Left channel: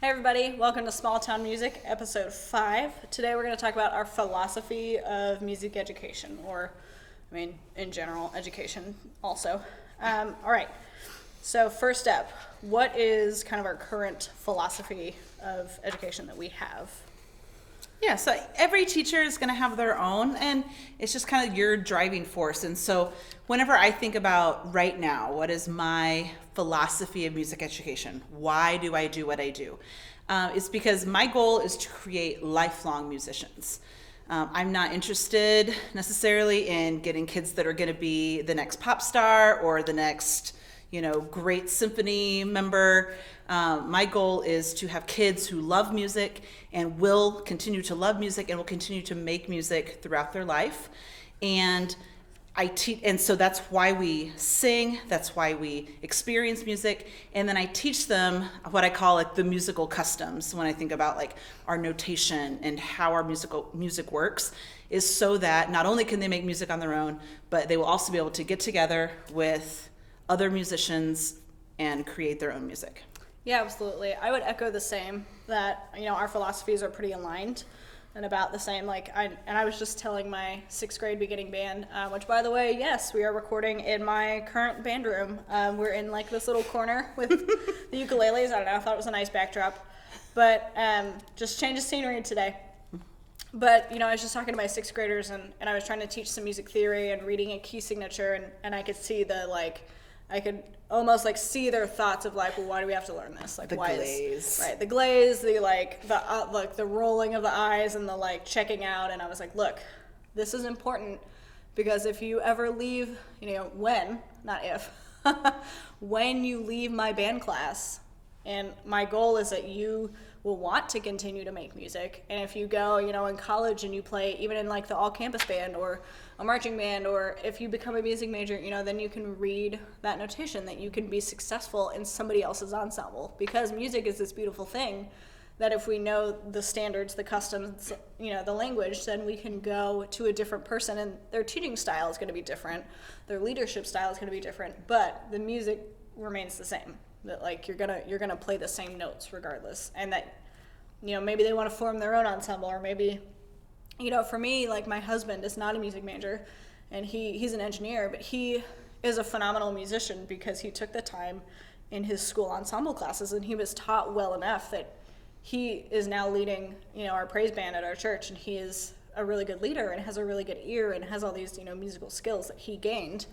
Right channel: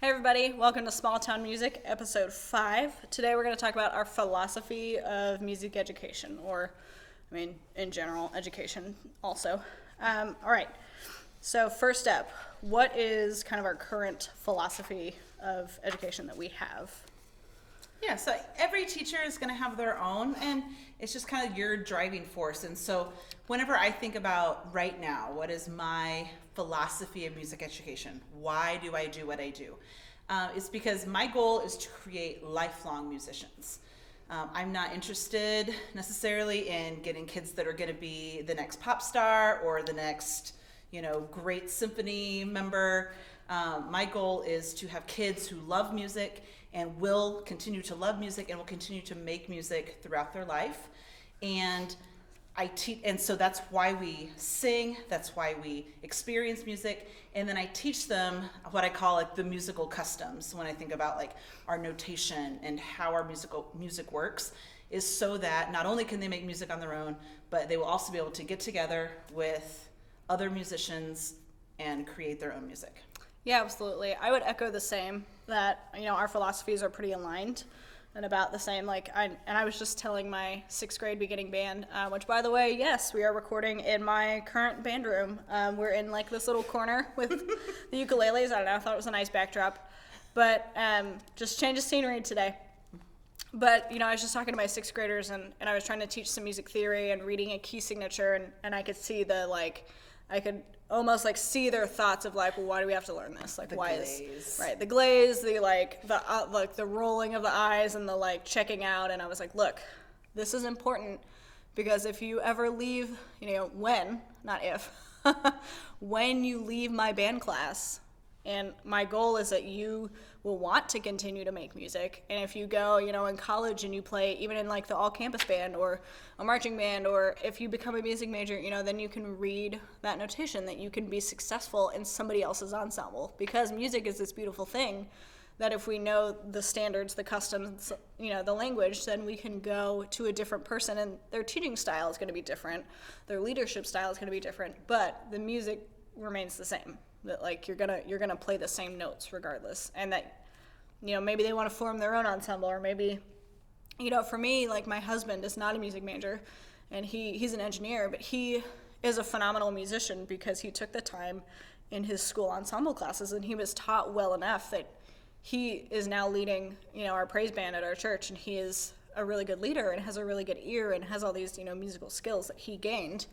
Hey everybody, welcome to Small Town Music, episode 5. Today we're going to talk about our philosophy of music education, in general, education also. Alright, so first up, what is kind of our current philosophy of education that we have? Yeah, so every teacher is going to have their own, and it's just kind of your driving force. And so, whenever I think about right now, what is my philosophy of music education? Why do I do what I do? It's because my goal is to create lifelong musicians. I'm not interested necessarily in getting kids that are going to be the next pop star or the next, great symphony member. My goal is to have kids who love music and will continue to love music and will continue to make music throughout their life. And I teach, and so that's why we sing, that's why we experience music, and then I teach them what I call like the musical customs when I think about like our notation and how our music works, is so that not only can they make music on their own, but they will also be able to get together with other musicians and create their own music. Yeah, absolutely. I would echo the same, that, our philosophies are pretty aligned and about the same. I was just telling my 6th grade beginning band, which by the way, yes, we are recording in my current band room. We're in like this little corner with the ukuleles. I don't know, I thought it was a nice backdrop, but just change of scenery today. But, I was just talking to my 6th graders and I was trying to teach some music theory and reading a key signature, and I could see I could almost like see their thoughts of like, well, why do we have to learn this? Like, The why glaze. right, the glaze, the rolling of the eyes and the like checking out. And I was like, look, this is important because if you ever leave, when, not if, when you leave my band class, and my goal is that you will want to continue to make music. And if you go, in college and you play even in like the all campus band or a marching band, or if you become a music major, then you can read that notation that you can be successful in somebody else's ensemble. Because music is this beautiful thing that if we know the standards, the customs, the language, then we can go to a different person and their teaching style is going to be different. Their leadership style is going to be different, but the music remains the same. That like you're gonna play the same notes regardless, and that maybe they want to form their own ensemble, or maybe for me, like my husband is not a music major and he's an engineer, but he is a phenomenal musician because he took the time in his school ensemble classes and he was taught well enough that he is now leading our praise band at our church, and he is a really good leader and has a really good ear and has all these musical skills that he gained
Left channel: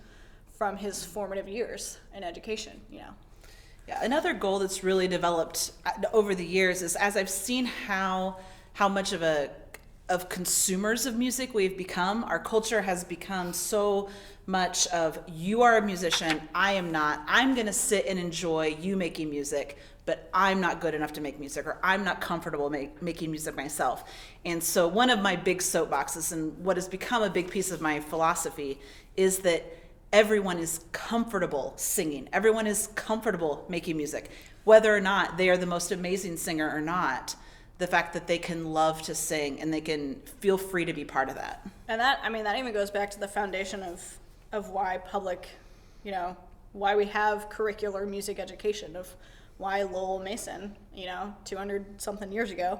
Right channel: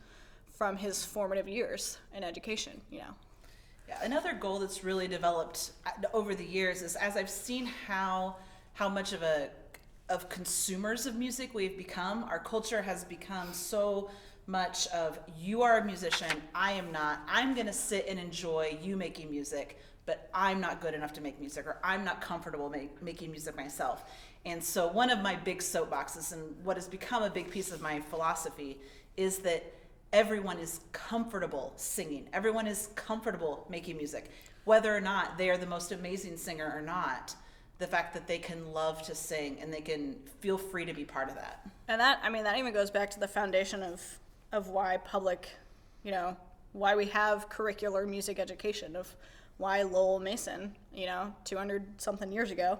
from his formative years in education. Yeah, another goal that's really developed over the years is, as I've seen how much of consumers of music we've become. Our culture has become so much of, you are a musician, I am not. I'm going to sit and enjoy you making music, but I'm not good enough to make music, or I'm not comfortable making music myself. And so one of my big soapboxes, and what has become a big piece of my philosophy, is that everyone is comfortable singing. Everyone is comfortable making music. Whether or not they are the most amazing singer or not, the fact that they can love to sing and they can feel free to be part of that. And that even goes back to the foundation of why public, why we have curricular music education, of why Lowell Mason, 200 something years ago,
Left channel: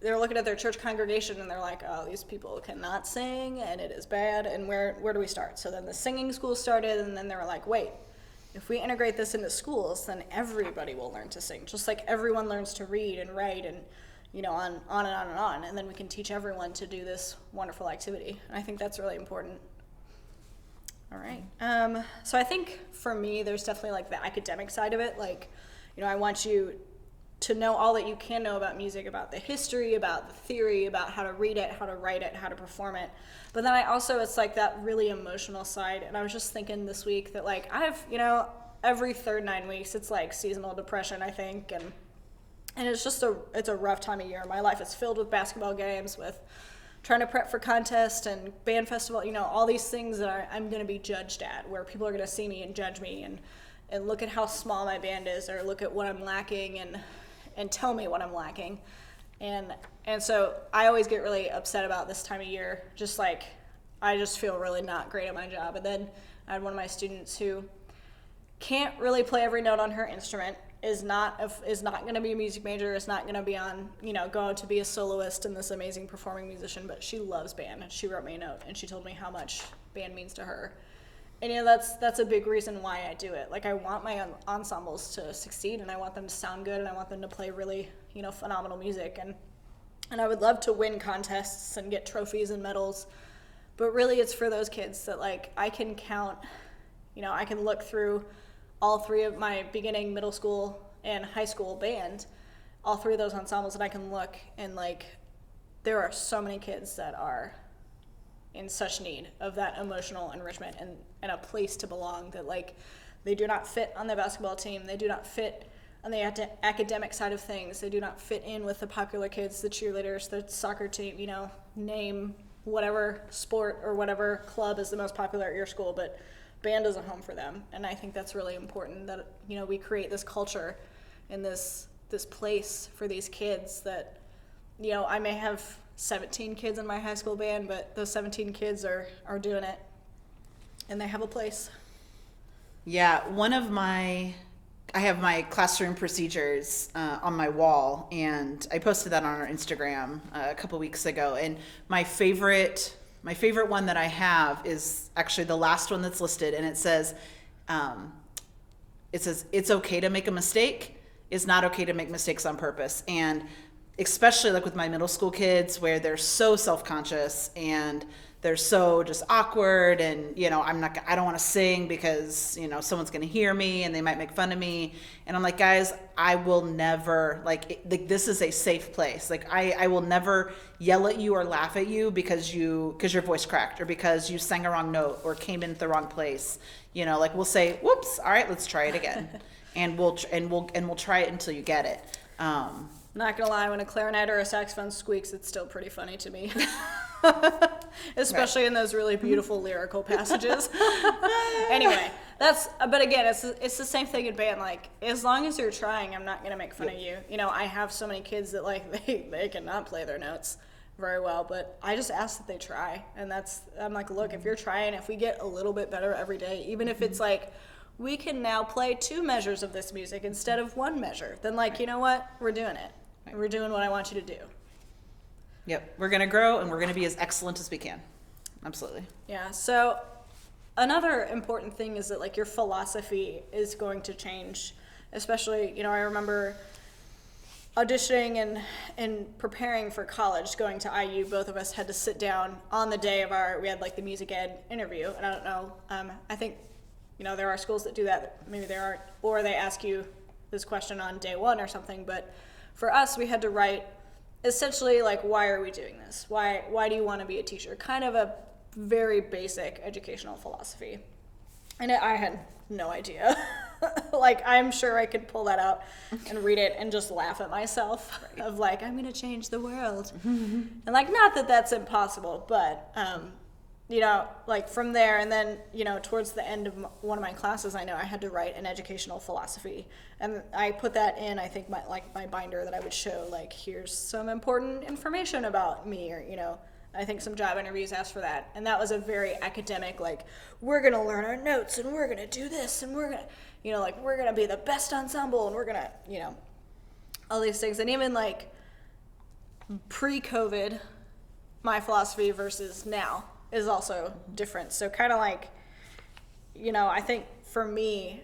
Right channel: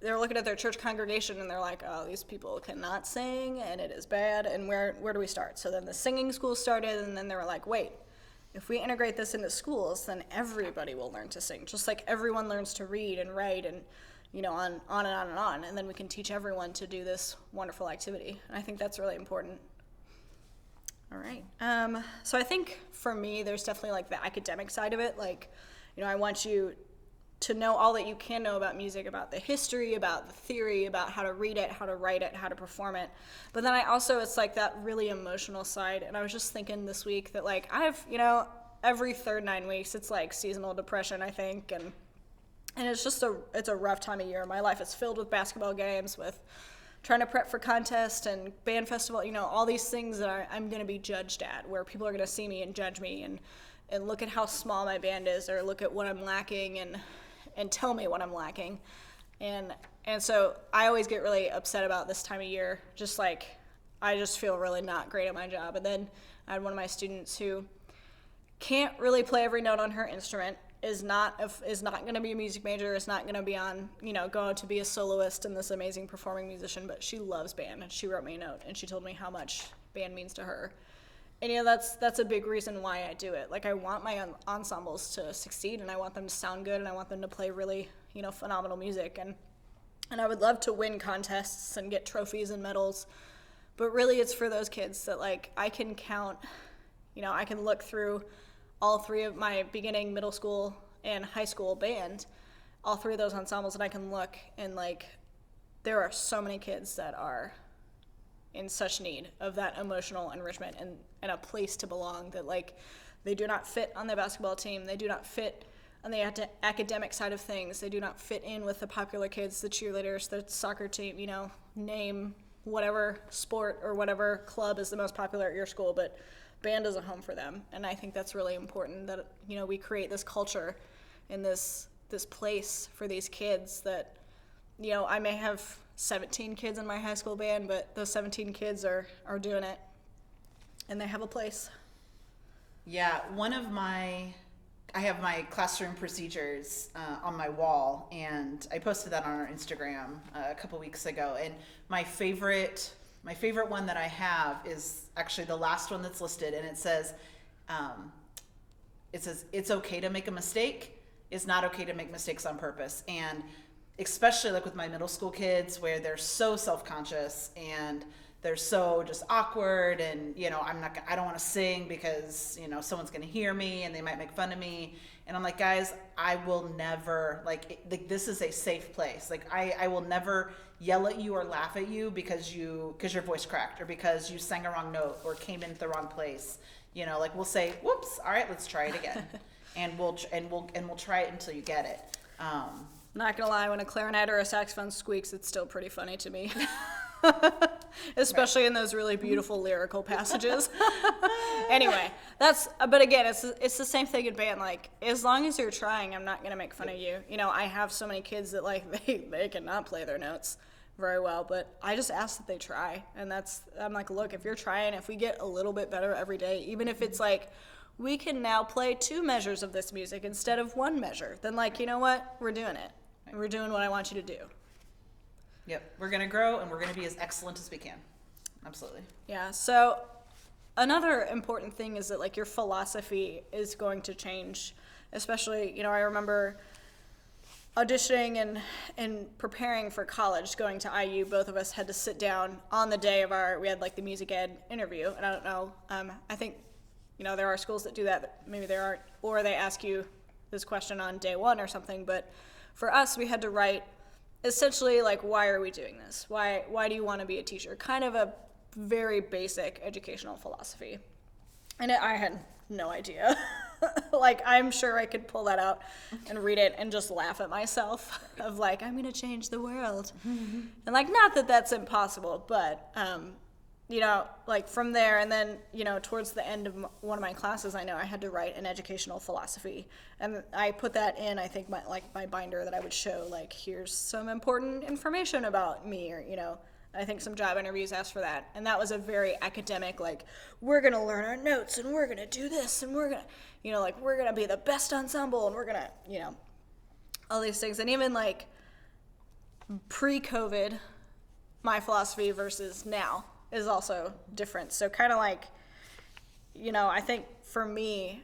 they're looking at their church congregation and they're like, oh, these people cannot sing and it is bad, and where do we start? So then the singing school started, and then they were like, wait, if we integrate this into schools, then everybody will learn to sing, just like everyone learns to read and write, and on and on and on, and then we can teach everyone to do this wonderful activity. And I think that's really important. All right. So I think for me, there's definitely like the academic side of it. Like, I want you to know all that you can know about music, about the history, about the theory, about how to read it, how to write it, how to perform it. But then it's like that really emotional side. And I was just thinking this week that like I have, every third 9 weeks, it's like seasonal depression, I think. And it's just it's a rough time of year. My life is filled with basketball games, with trying to prep for contest and band festival, all these things that I'm going to be judged at, where people are going to see me and judge me and look at how small my band is, or look at what I'm lacking and tell me what I'm lacking. And so I always get really upset about this time of year. Just like, I just feel really not great at my job. And then I had one of my students who can't really play every note on her instrument, is not going to be a music major, is not going to be on, go to be a soloist and this amazing performing musician, but she loves band, and she wrote me a note and she told me how much band means to her. And that's a big reason why I do it. Like, I want my ensembles to succeed, and I want them to sound good, and I want them to play really, phenomenal music, and I would love to win contests and get trophies and medals. But really, it's for those kids that, like, I can count, I can look through all three of my beginning, middle school, and high school band, all three of those ensembles, and I can look and, like, there are so many kids that are in such need of that emotional enrichment and a place to belong, that, like, they do not fit on the basketball team, they do not fit on the academic side of things, they do not fit in with the popular kids, the cheerleaders, the soccer team, name whatever sport or whatever club is the most popular at your school, but band is a home for them. And I think that's really important, that we create this culture and this place for these kids that, I may have 17 kids in my high school band, but those 17 kids are doing it and they have a place. Yeah, I have my classroom procedures on my wall, and I posted that on our Instagram a couple weeks ago. And my favorite one that I have is actually the last one that's listed, and it says, it's okay to make a mistake. It's not okay to make mistakes on purpose. And especially like with my middle school kids, where they're so self-conscious and they're so just awkward, and I don't want to sing because someone's going to hear me and they might make fun of me. And I'm like, guys, I will never, this is a safe place. Like, I will never yell at you or laugh at you because your voice cracked, or because you sang a wrong note or came in the wrong place. We'll say, whoops, all right, let's try it again. and we'll try it until you get it. Not gonna lie, when a clarinet or a saxophone squeaks, it's still pretty funny to me. Especially in those really beautiful lyrical passages. Anyway, but again, it's the same thing in band. Like, as long as you're trying, I'm not gonna make fun of you. I have so many kids that, like, they cannot play their notes very well, but I just ask that they try. And I'm like, look, if you're trying, if we get a little bit better every day, even if it's like, we can now play 2 measures of this music instead of 1 measure, then, like, you know what? We're doing it. And we're doing what I want you to do. Yep, we're going to grow, and we're going to be as excellent as we can. Absolutely. Yeah, so another important thing is that, like, your philosophy is going to change, especially, I remember auditioning and preparing for college, going to IU. Both of us had to sit down on the day of we had, like, the music ed interview, and I don't know, I think, there are schools that do that, maybe there aren't, or they ask you this question on day 1 or something, but for us, we had to write essentially, like, why are we doing this? Why do you want to be a teacher? Kind of a very basic educational philosophy. And I had no idea. Like, I'm sure I could pull that out and read it and just laugh at myself of, like, I'm going to change the world. And, like, not that that's impossible, but, like, from there, and then, towards the end of one of my classes, I know I had to write an educational philosophy, and I put that in, I think, my binder that I would show, like, here's some important information about me, or, I think some job interviews asked for that, and that was a very academic, like, we're gonna learn our notes, and we're gonna do this, and we're gonna, like, we're gonna be the best ensemble, and we're gonna, all these things. And even, like, pre-COVID, my philosophy versus now is also different. So kind of like, I think for me,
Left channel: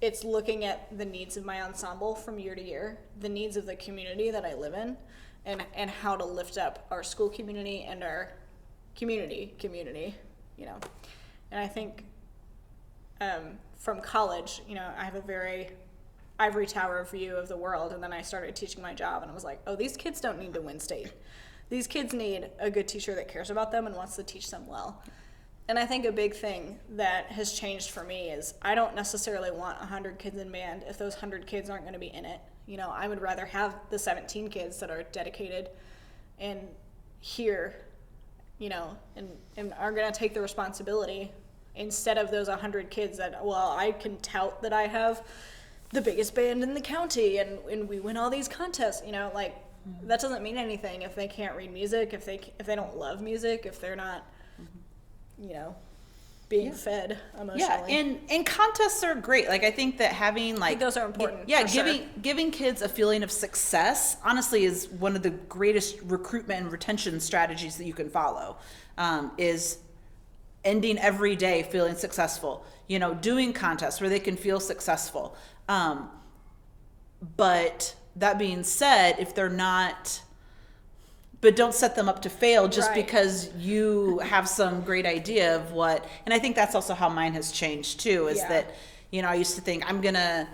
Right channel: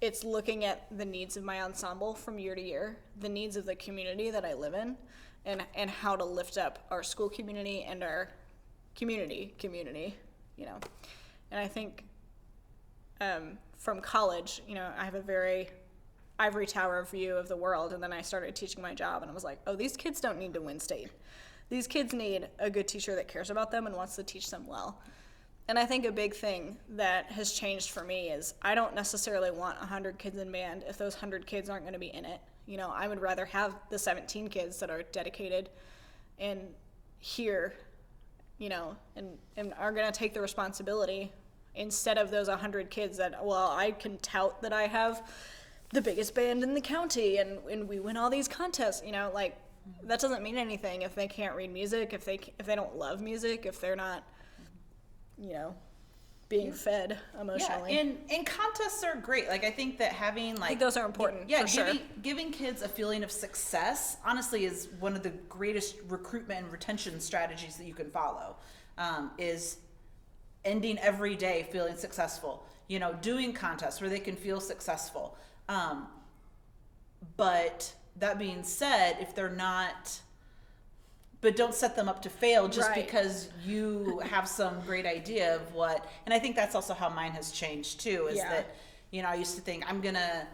it's looking at the needs of my ensemble from year to year, the needs of the community that I live in, and how to lift up our school community and our community, And I think from college, I have a very ivory tower view of the world, and then I started teaching my job, and I was like, oh, these kids don't need to win state. These kids need a good teacher that cares about them and wants to teach them well. And I think a big thing that has changed for me is I don't necessarily want 100 kids in band if those 100 kids aren't going to be in it. I would rather have the 17 kids that are dedicated and here, and are going to take the responsibility, instead of those 100 kids that, well, I can tout that I have the biggest band in the county and we win all these contests, like, that doesn't mean anything if they can't read music, if they don't love music, if they're not, being fed emotionally. Yeah, and contests are great. Like I think that having like those are important. Yeah, for sure. giving kids a feeling of success honestly is one of the greatest recruitment and retention strategies that you can follow. Is ending every day feeling successful. You know, doing contests where they can feel successful. But that being said, if they're not, but don't set them up to fail just Right. because you have some great idea of what, and I think that's also how mine has changed too, is Yeah. that, you know, I used to think I'm gonna,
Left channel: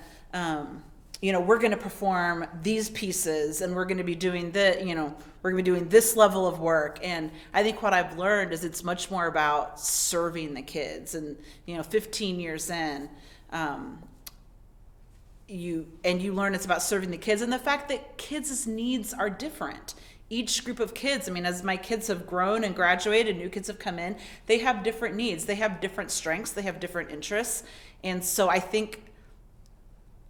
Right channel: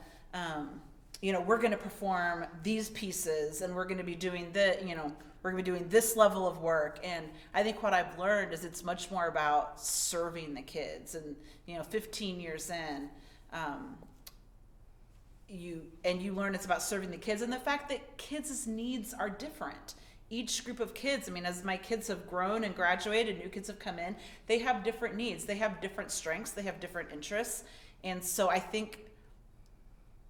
you know, we're gonna perform these pieces and we're gonna be doing we're gonna be doing this level of work. And I think what I've learned is it's much more about serving the kids. And, you know, 15 years in, you learn it's about serving the kids and the fact that kids' needs are different. Each group of kids, I mean, as my kids have grown and graduated, new kids have come in, they have different needs, they have different strengths, they have different interests. And so I think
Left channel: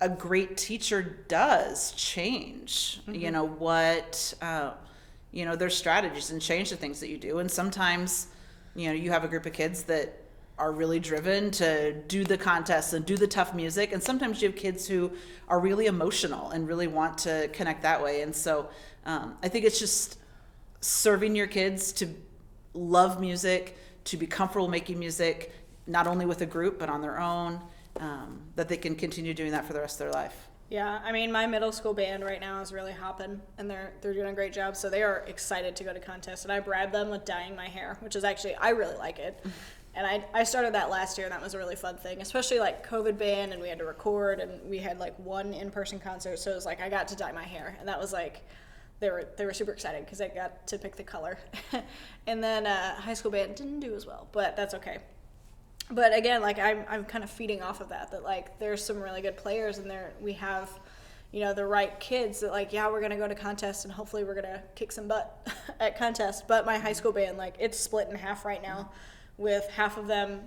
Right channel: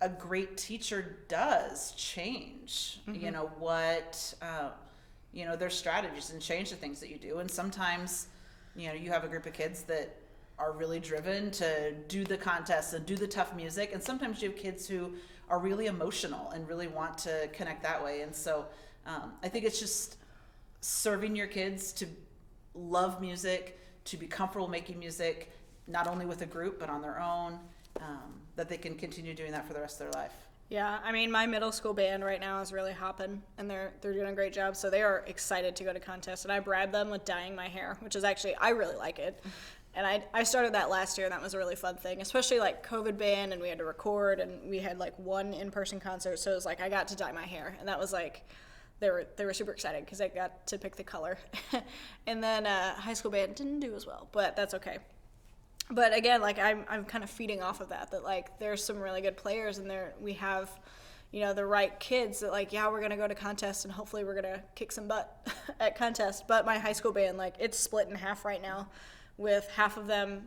a great teacher does change, you know, what, you know, their strategies and change the things that you do. And sometimes, you know, you have a group of kids that are really driven to do the contests and do the tough music. And sometimes you have kids who are really emotional and really want to connect that way. And so I think it's just serving your kids to love music, to be comfortable making music, not only with a group, but on their own, that they can continue doing that for the rest of their life. Yeah, I mean, my middle school band right now is really hopping, and they're doing a great job. So they are excited to go to contests, and I bribed them with dyeing my hair, which is actually, I really like it. And I started that last year, and that was a really fun thing, especially like COVID band, and we had to record, and we had like one in-person concert, so it was like I got to dye my hair, and that was like they were super excited because I got to pick the color. And then high school band didn't do as well, but that's okay. But again, like I'm kind of feeding off of that like there's some really good players, and we have, you know, the right kids that like, yeah, we're gonna go to contests and hopefully we're gonna kick some butt at contests. But my high school band, like, it's split in half right now, with half of them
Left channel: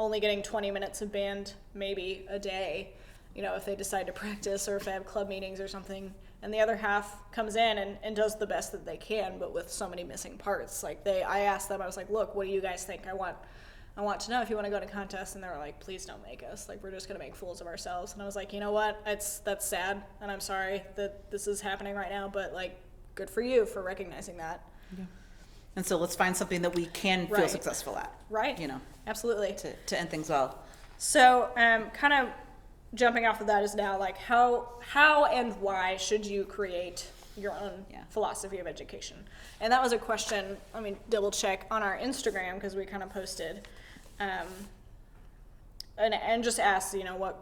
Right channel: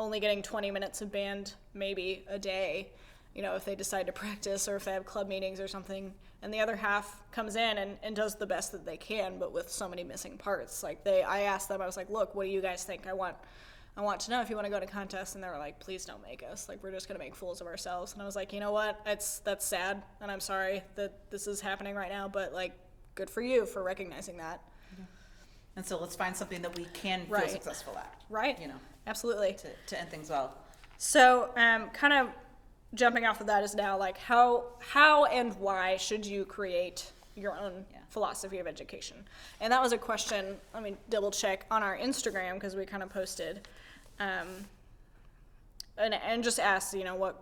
only getting 20 minutes of band maybe a day, you know, if they decide to practice or if they have club meetings or something. And the other half comes in and does the best that they can, but with so many missing parts. Like I asked them, I was like, look, what do you guys think? I want to know if you want to go to contests. And they were like, please don't make us. Like, we're just going to make fools of ourselves. And I was like, you know what? That's sad. And I'm sorry that this is happening right now, but like, good for you for recognizing that. Yeah. And so let's find something that we can feel Right. successful at. Right. You know, Absolutely. to end things well. So, kind of jumping off of that is now like how and why should you create your own philosophy of education? And that was a question, let me double check, on our Instagram, because we kind of posted and just asked, you know, what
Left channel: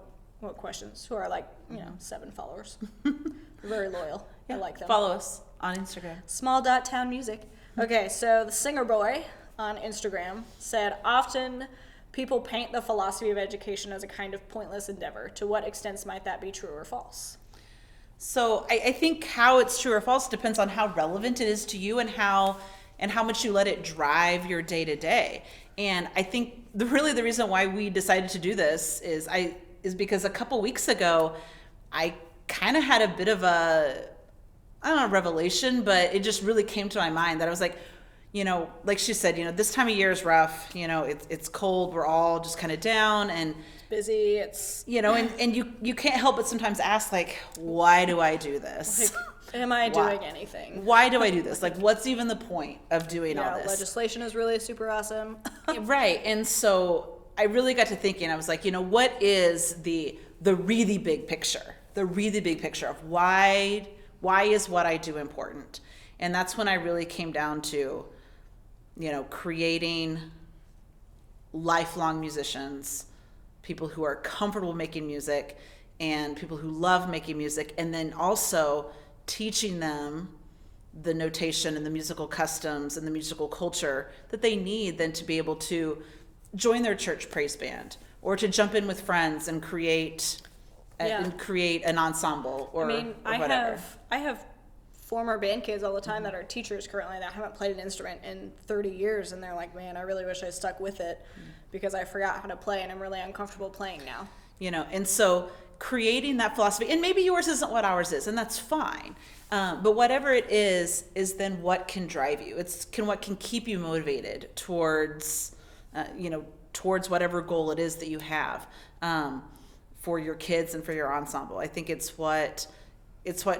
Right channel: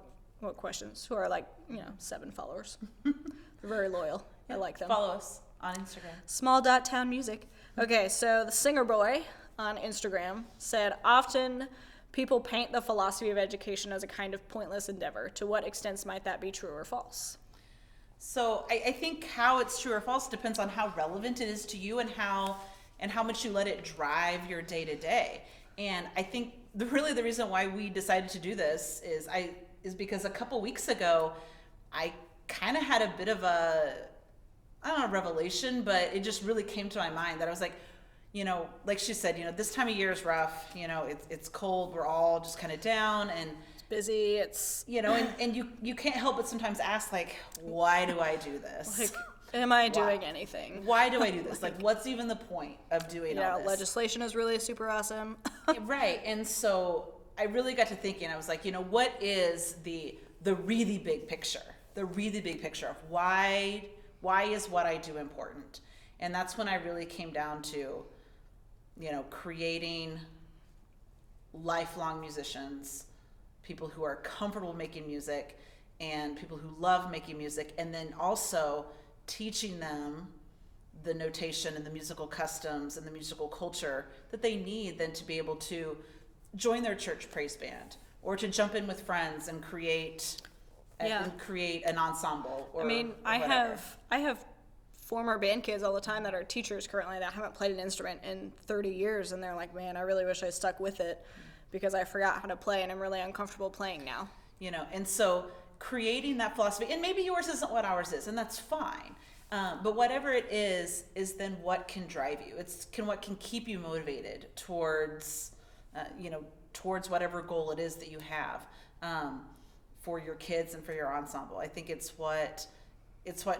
questions, who are like, you know, 7 followers. They're very loyal. I like them. Follow us on Instagram. Small.town music. Okay, so the Singer Boy on Instagram said, often people paint the philosophy of education as a kind of pointless endeavor. To what extent might that be true or false? So I think how it's true or false depends on how relevant it is to you and how much you let it drive your day to day. And I think the reason why we decided to do this is because a couple weeks ago I kind of had a bit of a, I don't know, revelation, but it just really came to my mind that I was like, you know, like she said, you know, this time of year is rough, you know, it's cold, we're all just kind of down and busy, it's, you know, and you can't help but sometimes ask, like, why do I do this? like, am I doing anything? Why do I do this? Like, what's even the point of doing all Yeah, this? legislation is really super awesome. Right. And so I really got to thinking, I was like, you know, what is the really big picture? The really big picture of why is what I do important? And that's when I really came down to, you know, creating lifelong musicians, people who are comfortable making music and people who love making music, and then also teaching them the notation and the musical customs and the musical culture that they need then to be able to join their church praise band or to jump in with friends and create an ensemble or, I mean, or whatever. I have former band kids all the time that are teachers currently that haven't played an instrument in 30 years, and they're like, man, I really wish I stuck with it because I forgot how to play and I'm really uncomfortable playing now. You know, and so creating that philosophy, and maybe yours isn't what ours is, and that's fine. But whatever it is then what can drive you. What can keep you motivated towards, towards whatever goal it is that you have for your kids and for your ensemble. I think it's what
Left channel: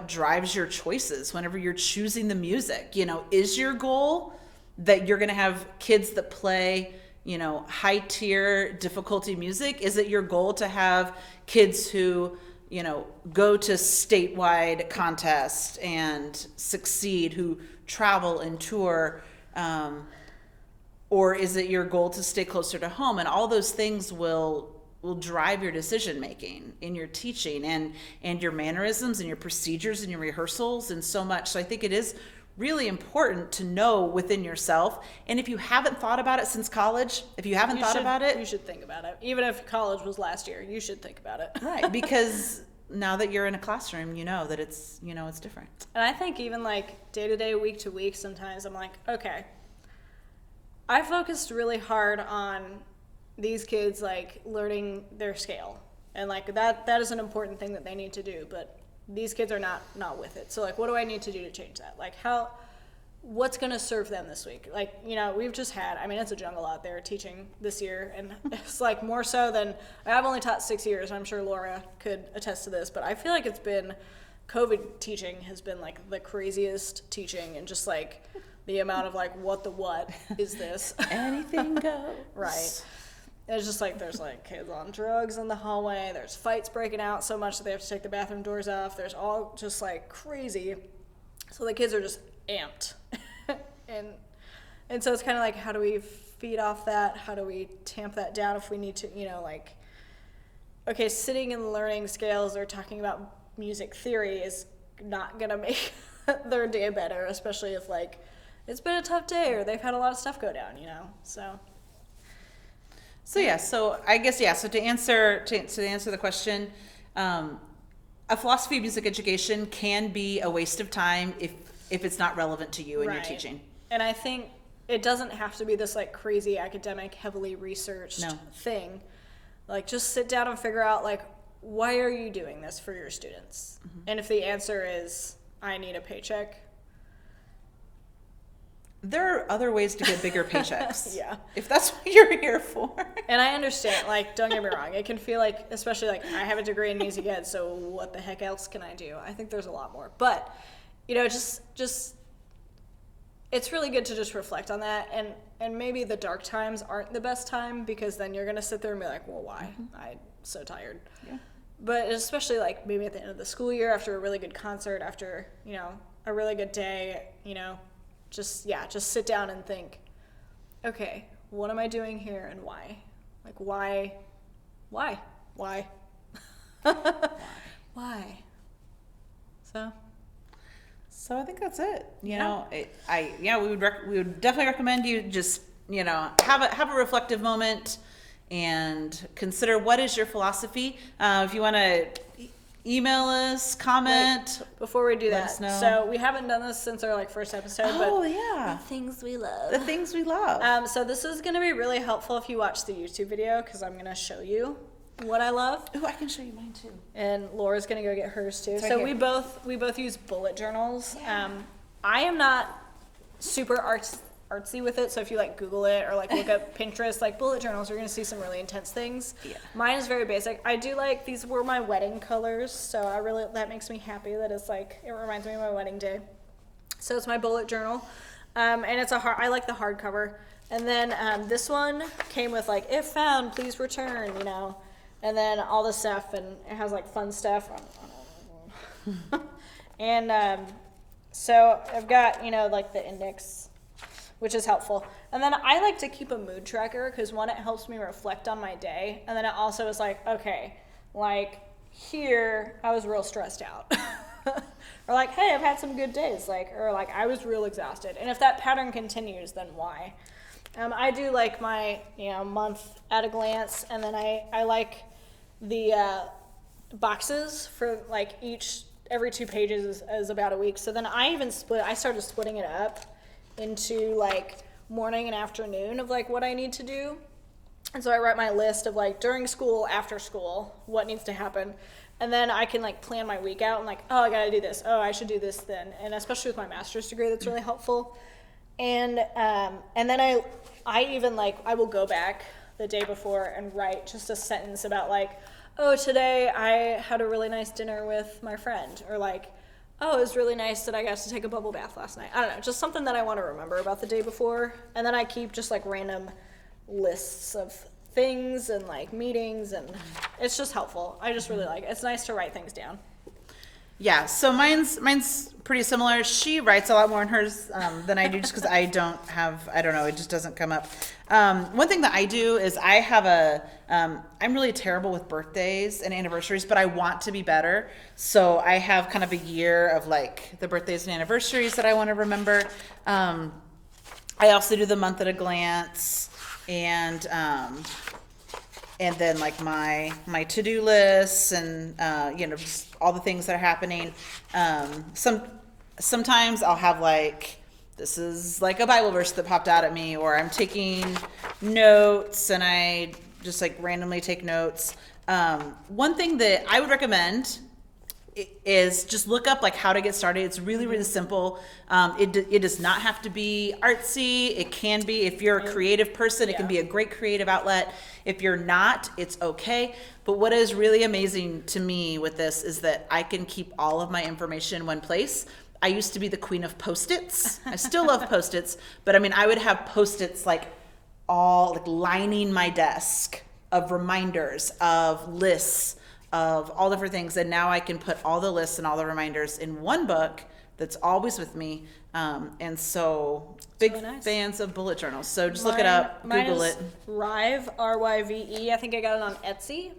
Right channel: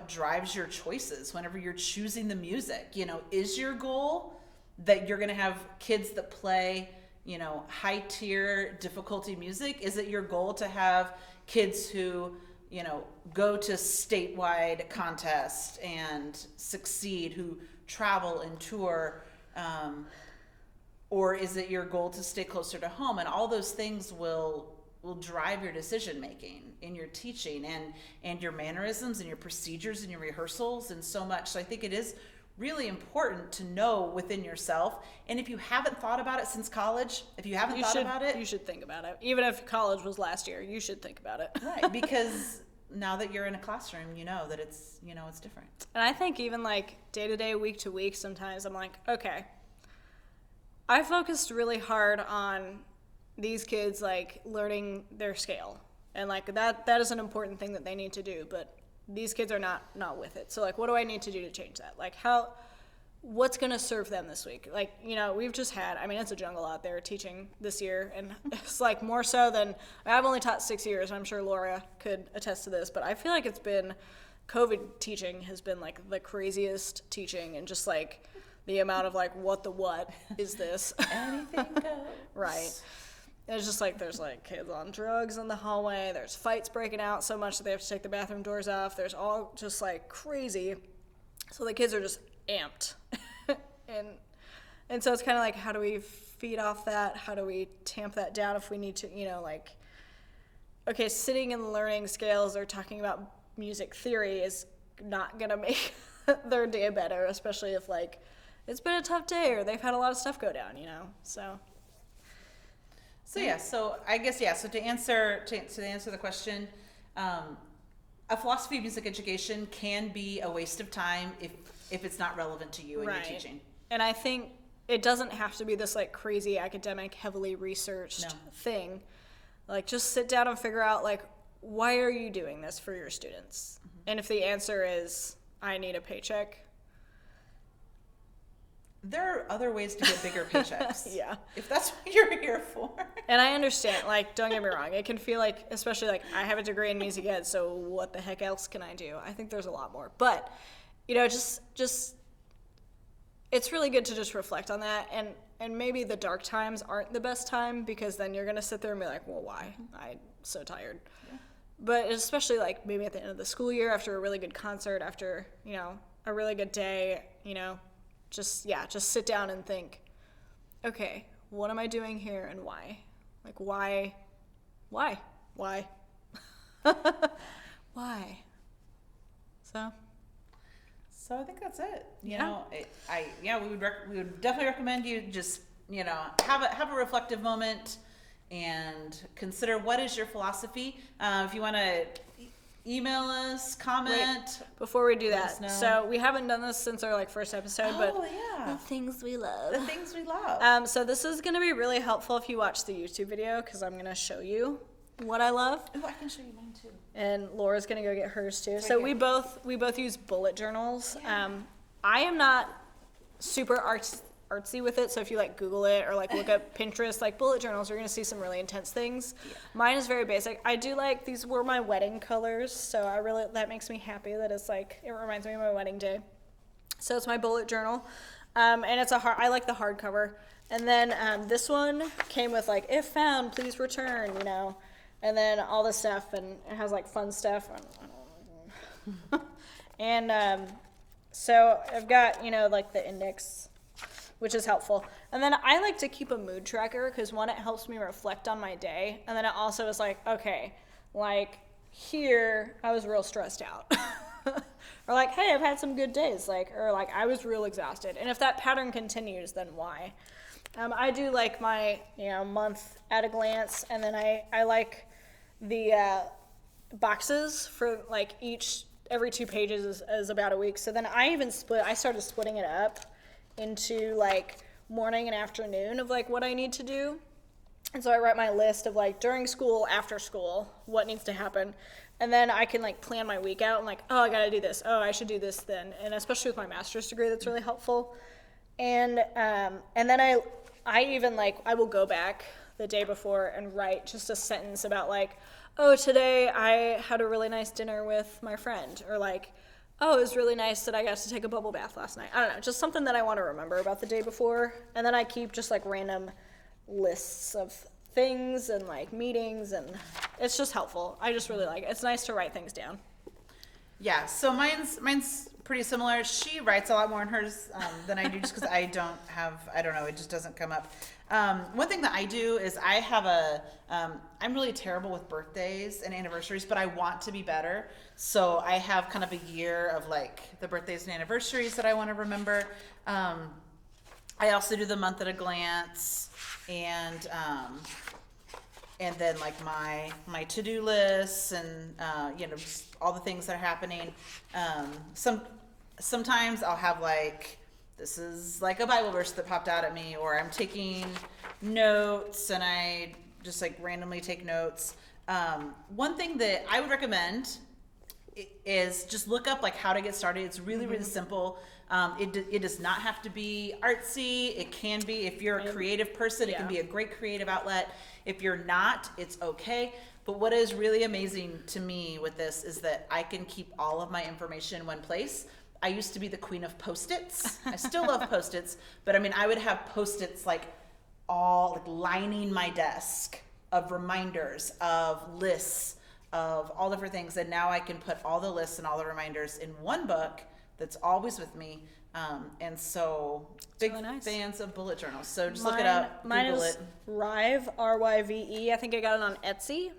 drives your choices whenever you're choosing the music. Is your goal that you're going to have kids that play, high tier difficulty music? Is it your goal to have kids who, go to statewide contests and succeed, who travel and tour? Or is it your goal to stay closer to home? And all those things will drive your decision making in your teaching and your mannerisms and your procedures and your rehearsals and so much. So I think it is really important to know within yourself. And if you haven't thought about it since college, you should think about it. Even if college was last year, you should think about it. Right, because now that you're in a classroom, you know that it's different. And I think even like day to day, week to week, sometimes I'm like, okay, I focused really hard on these kids like learning their scale, and like that is an important thing that they need to do, but these kids are not with it. So like, what do I need to do to change that? Like what's going to serve them this week? Like, we've just had, it's a jungle out there teaching this year, and it's like more so than, I've only taught 6 years, and I'm sure Laura could attest to this, but I feel like it's been, COVID teaching has been like the craziest teaching, and just like the amount of like, what is this? Anything goes. Right. It's just like, there's like kids on drugs in the hallway, there's fights breaking out so much that they have to take the bathroom doors off, there's all just like crazy. So the kids are just amped. and so it's kind of like, how do we feed off that? How do we tamp that down if we need to, okay, sitting and learning scales or talking about music theory is not going to make their day better, especially if like it's been a tough day or they've had a lot of stuff go down, So yeah, so I guess, so to answer the question, a philosophy of music education can be a waste of time if it's not relevant to you and your teaching. And I think it doesn't have to be this like crazy academic, heavily researched thing. Like, just sit down and figure out like, why are you doing this for your students? Mm-hmm. And if the answer is, I need a paycheck, there are other ways to get bigger paychecks. Yeah. If that's what you're here for. And I understand, like, don't get me wrong. It can feel like, especially like, I have a degree in music ed, so what the heck else can I do? I think there's a lot more. But, just it's really good to just reflect on that. And maybe the dark times aren't the best time, because then you're going to sit there and be like, well, why? I'm so tired. Yeah. But especially like maybe at the end of the school year, after a really good concert, after, a really good day, just sit down and think, okay, what am I doing here and why? Like, why? Why? So I think that's it. We would definitely recommend you just, have a reflective moment and consider, what is your philosophy? If you want to email us, comment. Wait, before we do that, so we haven't done this since our first episode, but the things we love. The things we love. So this is going to be really helpful if you watch the YouTube video, because I'm going to show you what I love. Oh, I can show you mine too. And Laura's going to go get hers too. So we both use bullet journals. Yeah. I am not super artsy with it, so if you Google it or look up Pinterest, bullet journals, you're going to see some really intense things. Yeah. Mine is very basic. I do these were my wedding colors, so that makes me happy that it's it reminds me of my wedding day. So it's my bullet journal, and it's I like the hardcover. And then this one came with if found, please return, and then all this stuff, and it has fun stuff. And so I've got the index, which is helpful. And then I like to keep a mood tracker, because one, it helps me reflect on my day, and then it also is okay, here I was real stressed out. Or hey, I've had some good days, or I was real exhausted. And if that pattern continues, then why? I do my month at a glance, and then I like the boxes for every 2 pages is about a week. So then I started splitting it up into morning and afternoon of what I need to do. And so I write my list of during school, after school, what needs to happen. And then I can plan my week out and oh, I gotta do this. Oh, I should do this then. And especially with my master's degree, that's really helpful. And then I even I will go back the day before and write just a sentence about like, oh, today I had a really nice dinner with my friend, or like, oh, it was really nice that I got to take a bubble bath last night. I don't know, just something that I want to remember about the day before. And then I keep just like random lists of things and like meetings, and it's just helpful. I just really like it. It's nice to write things down. Yeah, so mine's pretty similar. She writes a lot more in hers than I do, just because I don't know, it just doesn't come up. One thing that I do is I have I'm really terrible with birthdays and anniversaries, but I want to be better. So I have kind of a year of like the birthdays and anniversaries that I want to remember. I also do the month at a glance, and then like my to-do lists, and just all the things that are happening. Sometimes I'll have like, this is like a Bible verse that popped out at me, or I'm taking notes and I just like randomly take notes. One thing that I would recommend is just look up like how to get started. It's really, really simple. It does not have to be artsy. It can be, if you're a creative person, it can be a great creative outlet. If you're not, it's okay. But what is really amazing to me with this is that I can keep all of my information in one place. I used to be the queen of Post-its. I still love Post-its, but I mean, I would have Post-its like all like lining my desk of reminders, of lists, of all different things. And now I can put all the lists and all the reminders in one book that's always with me. And so big really nice. fans of bullet journals. So just look it up, Google it. Rive, R-Y-V-E. I think I got it on Etsy.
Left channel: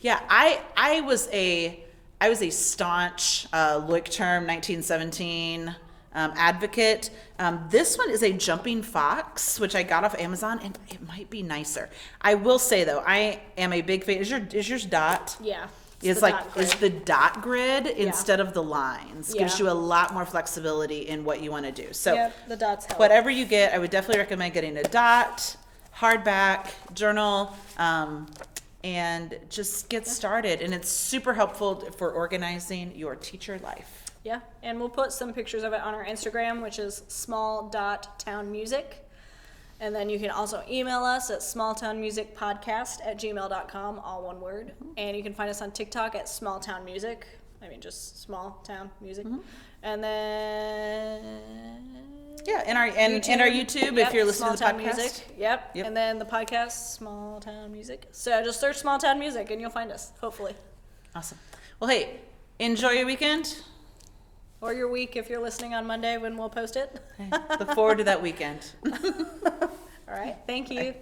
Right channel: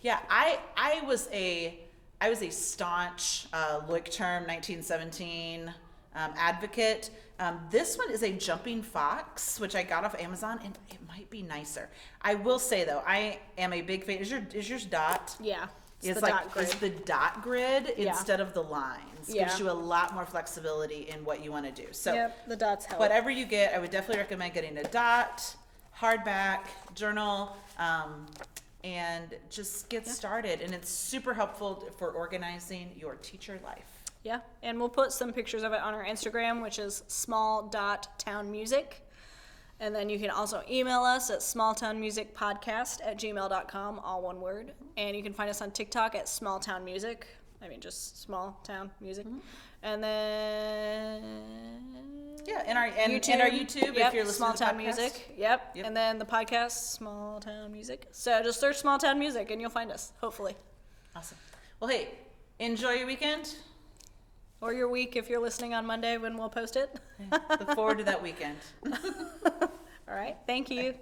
Yeah, I was a staunch Loic Term 1917 advocate. This one is a jumping fox, which I got off Amazon, and it might be nicer. I will say though, I am a big fan. Is yours dot? Yeah. It's the dot grid instead of the lines. Yeah. Gives you a lot more flexibility in what you want to do. So Yep, the dots help. whatever you get, I would definitely recommend getting a dot, hardback, journal, and just get started. And it's super helpful for organizing your teacher life. Yeah, and we'll put some pictures of it on our Instagram, which is small.townmusic. And then you can also email us at smalltownmusicpodcast@gmail.com, all one word. And you can find us on TikTok at smalltownmusic. I mean, just small town music. And then Yeah, and our YouTube, if you're listening to the Small Town podcast. Music. Yep. And then the podcast, Small Town Music. So just search Small Town Music and you'll find us, hopefully. Awesome. Well, hey, enjoy your weekend. Or your week if you're listening on Monday when we'll post it. Look forward to that weekend. All right. Thank you.